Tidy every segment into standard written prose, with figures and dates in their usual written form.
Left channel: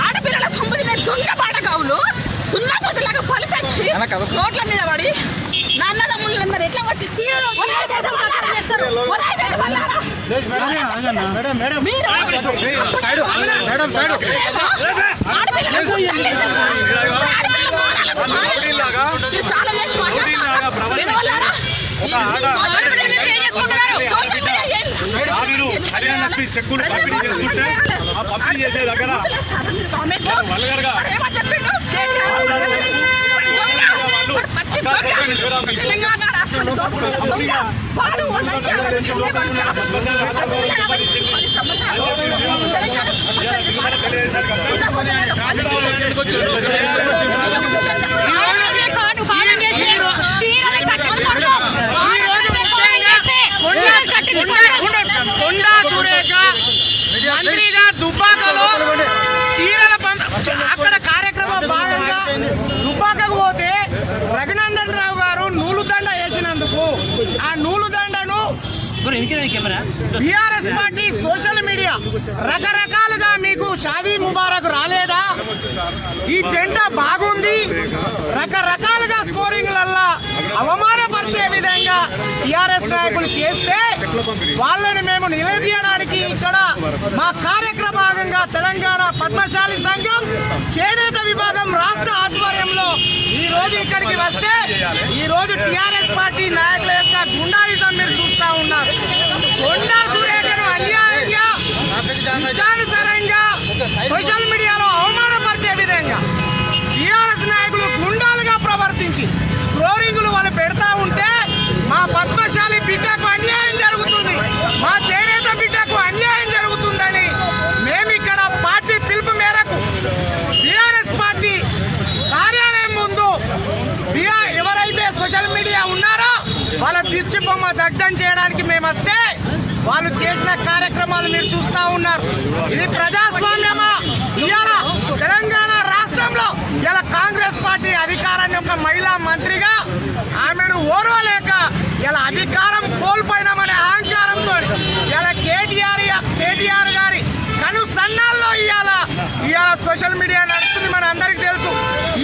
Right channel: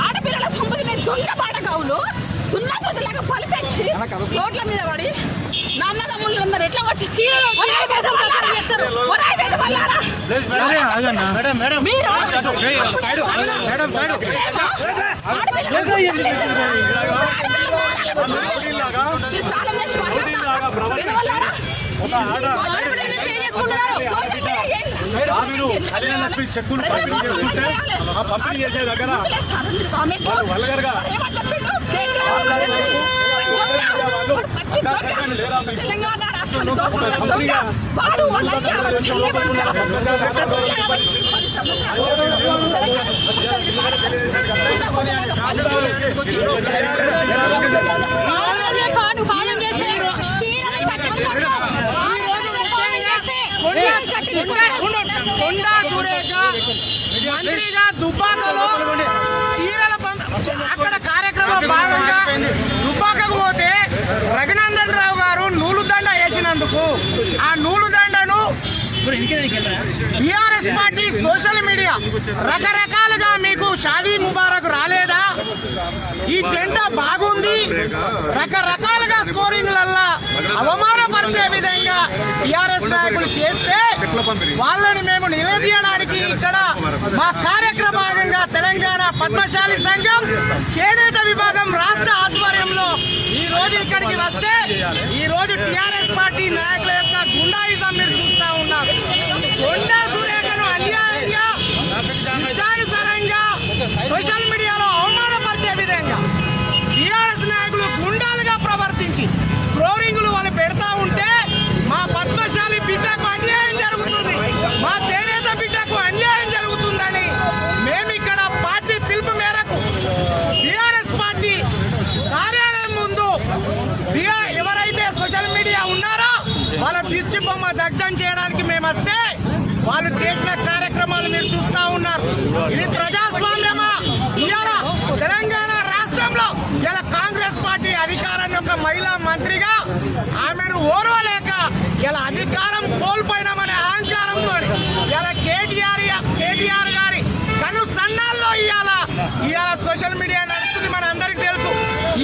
ఆడపిల్లల సంపదలే దొంగ బాటకావులు దున్నపోతులాగా పలిపెట్టి రోడ్ల మీద పడి నాన్న తమ్ముళ్ళందరూ ఎట్లా పట్టి చాలా చేసి మాట్లాడతారా తెలంగాణ రాష్ట్రం వాడు మంత్రిగా దుబ్బాకలో చీరల అక్కడ కార్యక్రమం భాగంగా దుబ్బాకకు పోతే రఘునందన్ రావు గారు నూలు దండ వేసినందుకు ఆ నూలు దండను టిఆర్ఎస్ పార్టీ సోషల్ మీడియా రకరకాలుగా మీకు షాదీ ముబారక్ రాలేదా, ఈ జెండా బాగుంది, రకరకాలుగా స్కోరింగ్లల్లా అవమానపరిచే విధంగా టిఆర్ఎస్ నాయకులు చేస్తే వాళ్ళని మేము నిలదీయడానికి ఇక్కడ మా కార్యక్రమ భాగంగా తెలంగాణ పద్మశాలి సంఘం చేనేత విభాగం రాష్ట్ర ఆధ్వర్యంలో ఈ రోజు ఇక్కడికి వస్తే ఈ రోజు టిఆర్ఎస్ పార్టీ నాయకుల యొక్క గుండాయిజం మీరు చూస్తా ఉన్నారు. కొండా సురేఖను అన్యాయంగా ఇష్టానుసారంగా సోషల్ మీడియాలో అవమానపరిచే విధంగా టిఆర్ఎస్ నాయకులు గుండాలుగా ప్రవర్తించి స్క్రోరింగ్లు వాళ్ళు పెడతా ఉంటే మా పద్మశాలి బిడ్డకు అన్యాయం జరుగుతుంది, మా చేనేత బిడ్డకు అన్యాయం జరుగుతుందని మేము ఇక్కడ పార్టీ పిలుపు మేరకు టిఆర్ఎస్ పార్టీ కార్యాలయం ముందు ఎవరైతే సోషల్ మీడియా ఉన్నారో వాళ్ళ దిష్టి బొమ్మ దగ్ధం చేయడానికి మేము వస్తే వాళ్ళు చేసిన కార్యక్రమాలు మీరు చూస్తా ఉన్నారు. ఇది ప్రజాస్వామ్యమా? ఇవాళ తెలంగాణ రాష్ట్రంలో ఇలా కాంగ్రెస్ పార్టీ అధికారాన్ని ఒక మహిళా మంత్రిగా ఆమెను ఓర్వలేక ఇలా అధికారం కోల్పోయినామనే అహంకారంతో ఇలా కేటీఆర్ గారి కను సన్నాల్లో ఇవాళ సోషల్ మీడియా నడుస్తుంది. మన అందరికి తెలుసు.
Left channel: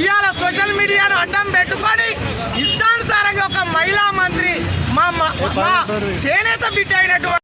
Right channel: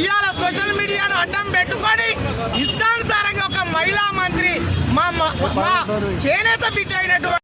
ఇవాళ సోషల్ మీడియాను అడ్డం పెట్టుకొని ఇష్టానుసారంగా ఒక మహిళా మంత్రి మా చేనేత బిడ్డ అయినటువంటి